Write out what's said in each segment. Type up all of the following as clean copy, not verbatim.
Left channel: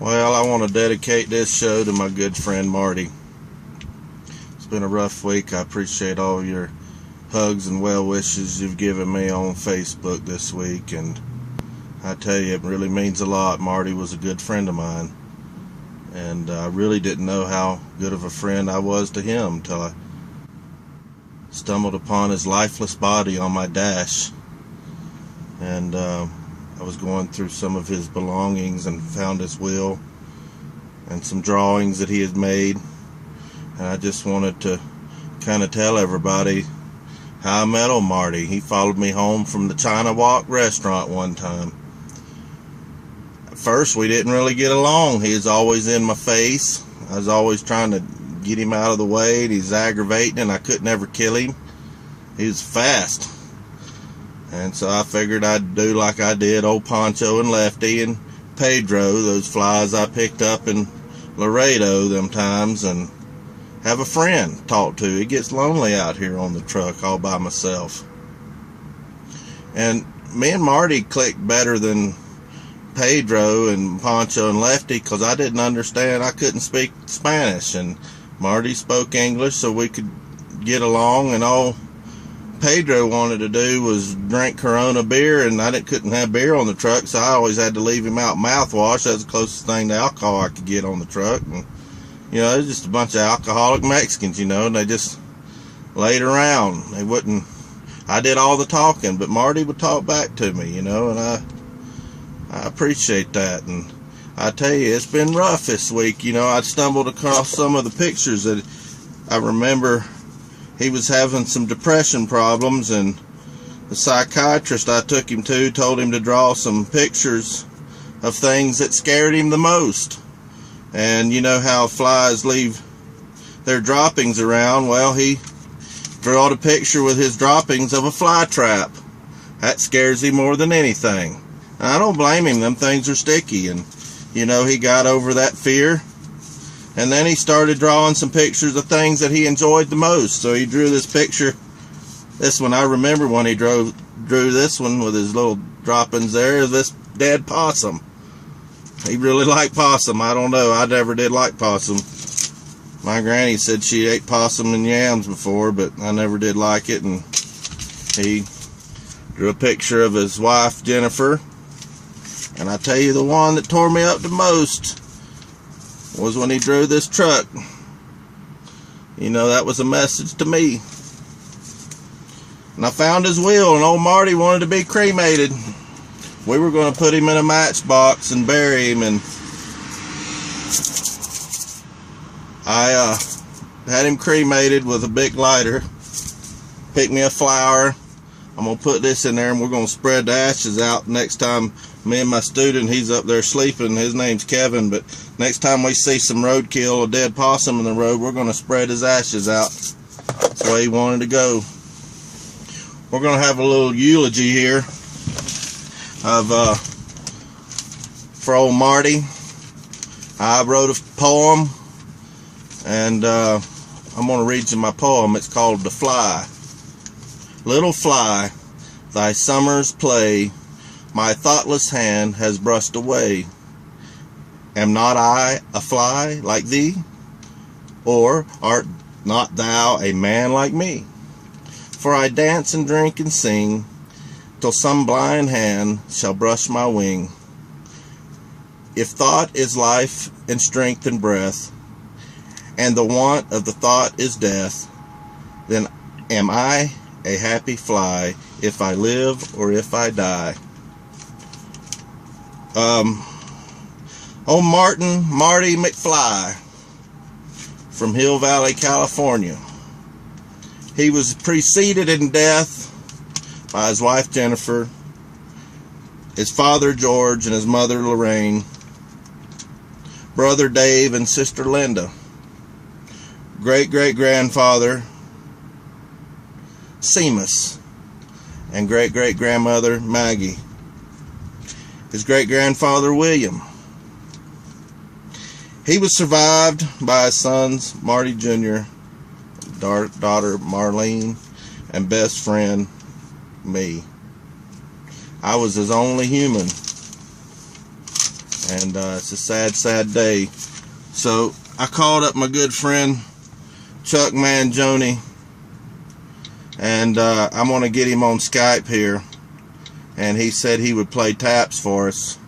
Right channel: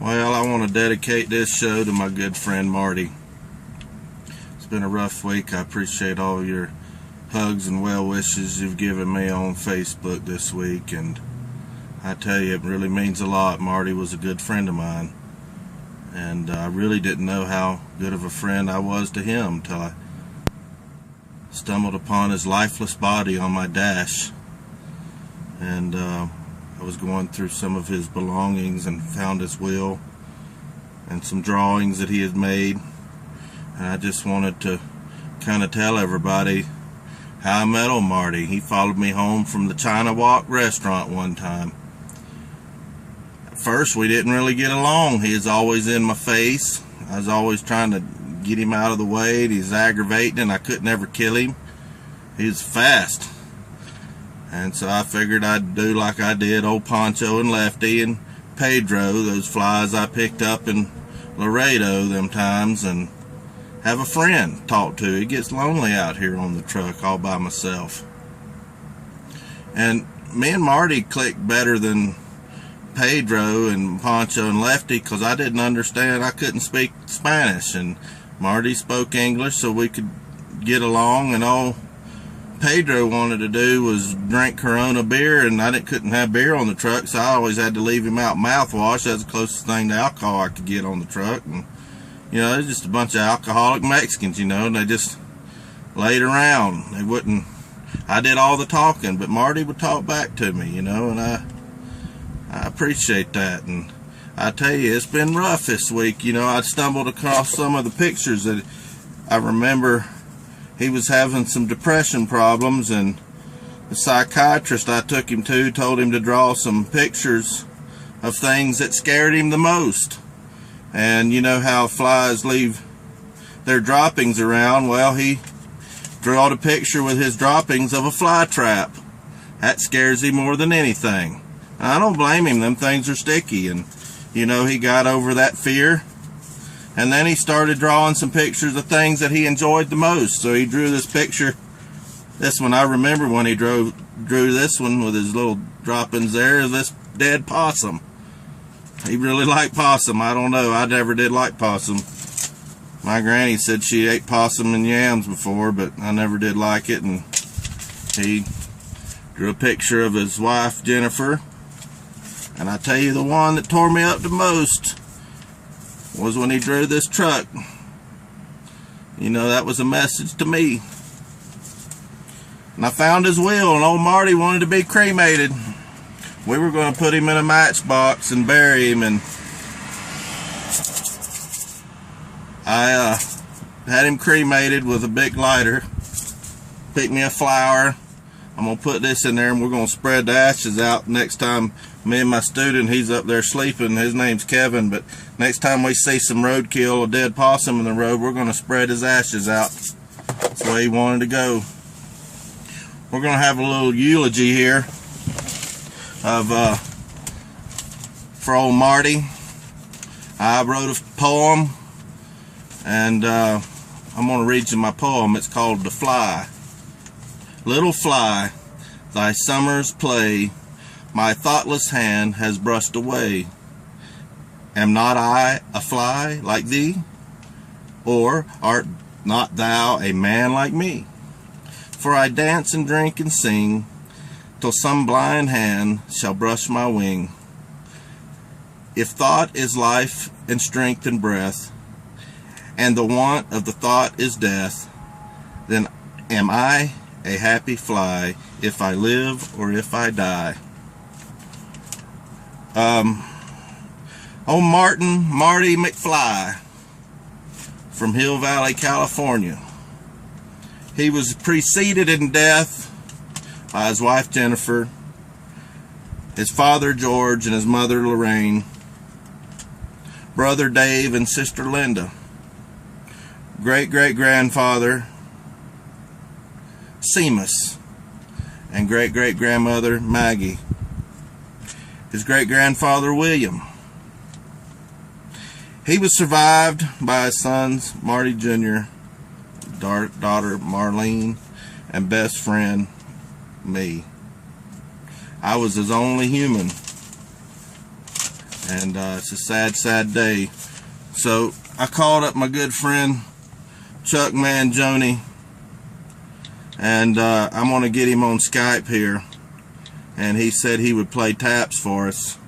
Well, I want to dedicate this show to my good friend Marty. It's been a rough week. I appreciate all your hugs and well wishes you've given me on Facebook this week, and I tell you, it really means a lot. Marty was a good friend of mine, and I really didn't know how good of a friend I was to him till I stumbled upon his lifeless body on my dash, and I was going through some of his belongings and found his will and some drawings that he had made, and I just wanted to kind of tell everybody how I met old Marty. He followed me home from the China Walk restaurant one time. At first we didn't really get along. He was always in my face. I was always trying to get him out of the way, and he's aggravating, and I couldn't ever kill him. He was fast. And so I figured I'd do like I did old Poncho and Lefty and Pedro, those flies I picked up in Laredo them times, and have a friend to talk to. It gets lonely out here on the truck all by myself. And me and Marty clicked better than Pedro and Poncho and Lefty, because I didn't understand. I couldn't speak Spanish, and Marty spoke English, so we could get along. And all Pedro wanted to do was drink Corona beer, and I couldn't have beer on the truck, so I always had to leave him out mouthwash. That's the closest thing to alcohol I could get on the truck. And you know, it's just a bunch of alcoholic Mexicans, you know, and they just laid around. They wouldn't. I did all the talking, but Marty would talk back to me, you know, and I appreciate that. And I tell you, it's been rough this week. You know, I stumbled across some of the pictures that I remember. He was having some depression problems, and the psychiatrist I took him to told him to draw some pictures of things that scared him the most. And you know how flies leave their droppings around? Well, he drew a picture with his droppings of a fly trap. That scares him more than anything. And I don't blame him. Them things are sticky, and you know, he got over that fear. And then he started drawing some pictures of things that he enjoyed the most. So he drew this picture. This one, I remember when he drew this one with his little droppings there, this dead possum. He really liked possum. I don't know. I never did like possum. My granny said she ate possum and yams before, but I never did like it. And he drew a picture of his wife, Jennifer. And I tell you, the one that tore me up the most was when he drew this truck. You know, that was a message to me. And I found his will, and old Marty wanted to be cremated. We were going to put him in a matchbox and bury him, and I had him cremated with a big lighter. Picked me a flower. I'm going to put this in there, and we're going to spread the ashes out next time. Me and my student, he's up there sleeping, his name's Kevin, but next time we see some roadkill, a dead possum in the road, we're going to spread his ashes out. That's the way he wanted to go. We're going to have a little eulogy here of for old Marty. I wrote a poem, and I'm going to read you my poem. It's called The Fly. Little fly, thy summer's play my thoughtless hand has brushed away. Am not I a fly like thee? Or art not thou a man like me? For I dance and drink and sing till some blind hand shall brush my wing. If thought is life and strength and breath, and the want of the thought is death, then am I a happy fly, if I live or if I die. Old Marty McFly from Hill Valley, California. He was preceded in death by his wife Jennifer, his father George, and his mother Lorraine, brother Dave and sister Linda, great-great-grandfather Seamus, and great-great-grandmother Maggie, his great-grandfather William. He was survived by his sons Marty Jr., daughter Marlene, and best friend me. I was his only human. and it's a sad, sad day. So I called up my good friend Chuck Mangione, and I'm going to get him on Skype here, and he said he would play taps for us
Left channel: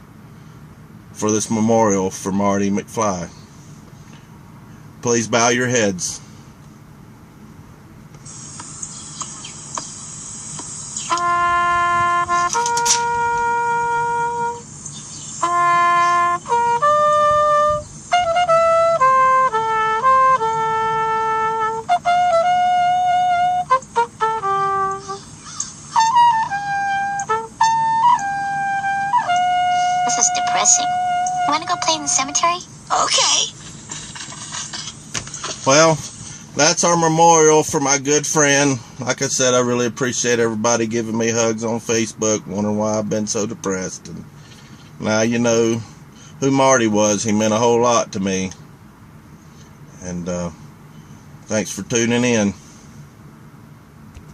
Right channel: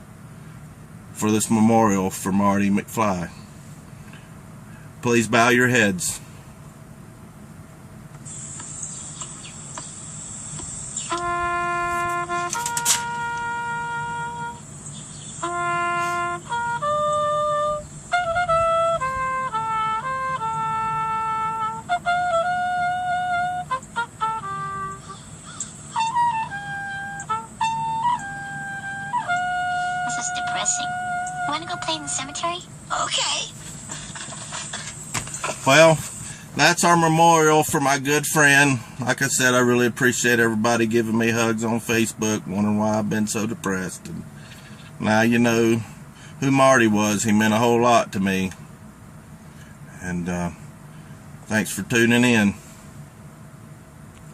for this memorial for Marty McFly. Please bow your heads. This is depressing. Wanna go play in the cemetery? Okay. Well, that's our memorial for my good friend. Like I said, I really appreciate everybody giving me hugs on Facebook, wondering why I've been so depressed. And now you know who Marty was. He meant a whole lot to me. And thanks for tuning in.